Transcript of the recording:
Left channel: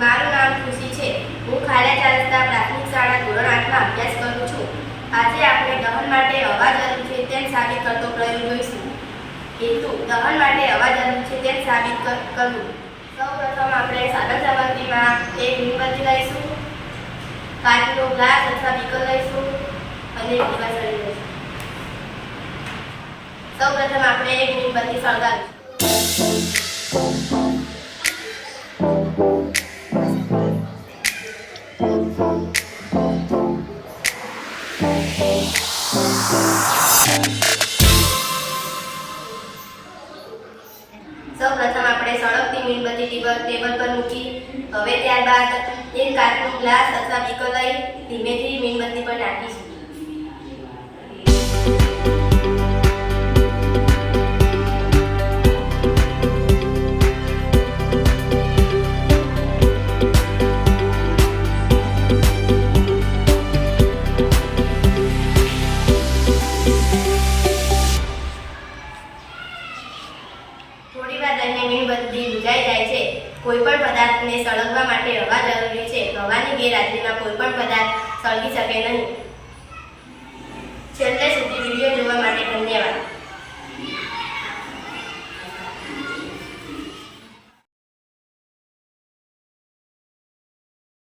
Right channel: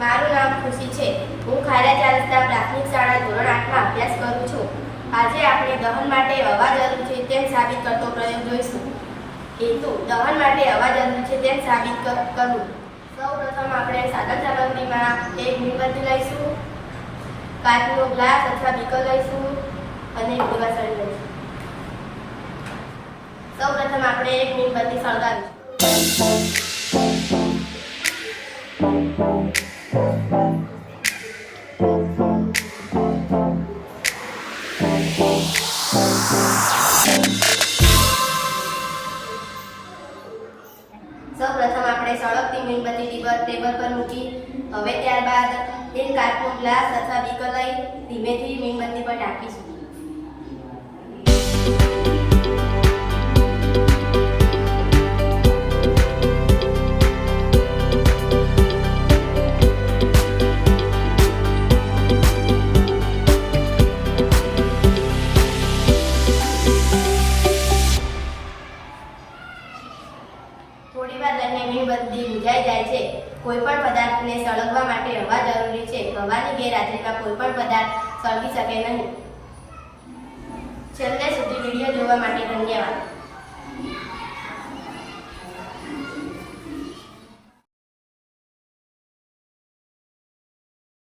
મારું નામ ખુશી છે. હું ખારા ચાર રસ્તા પ્રાથમિક શાળા ધોરણ 8માં અભ્યાસ કરું છું. આજે આપણે દહન માટે હવા જરૂર છે તેમ સાબિત કરતો પ્રયોગ જોઈશું. હેતુ: દહન માટે હવા જરૂર છે તેમ સાબિત કરવું. સૌપ્રથમ આપણે સાધન સામગ્રીમાં એક મીણબત્તી લઈશું, કાચનો ગ્લાસ અથવા બીકર લઈશું અને દીવાસળી લઈશું. સૌપ્રથમ આપણે એક મીણબત્તી સળગાવીશું. સૌપ્રથમ આપણે સળગતી મીણબત્તી ટેબલ પર મૂકી હવે ત્યારબાદ એક કાચનો ગ્લાસ અથવા બીકર લઈ ધીમેથી મીણબત્તી પર ઢાંકીશું. થોડી વાર રહીને મીણબત્તી બુઝાઈ જાય છે. કોઈપણ પદાર્થને સળગવા માટે હવા જરૂરી છે. હવાની ગેરહાજરીમાં કોઈપણ પદાર્થ સળગી શકે નહીં. છેલ્લે સુધી વિડીયો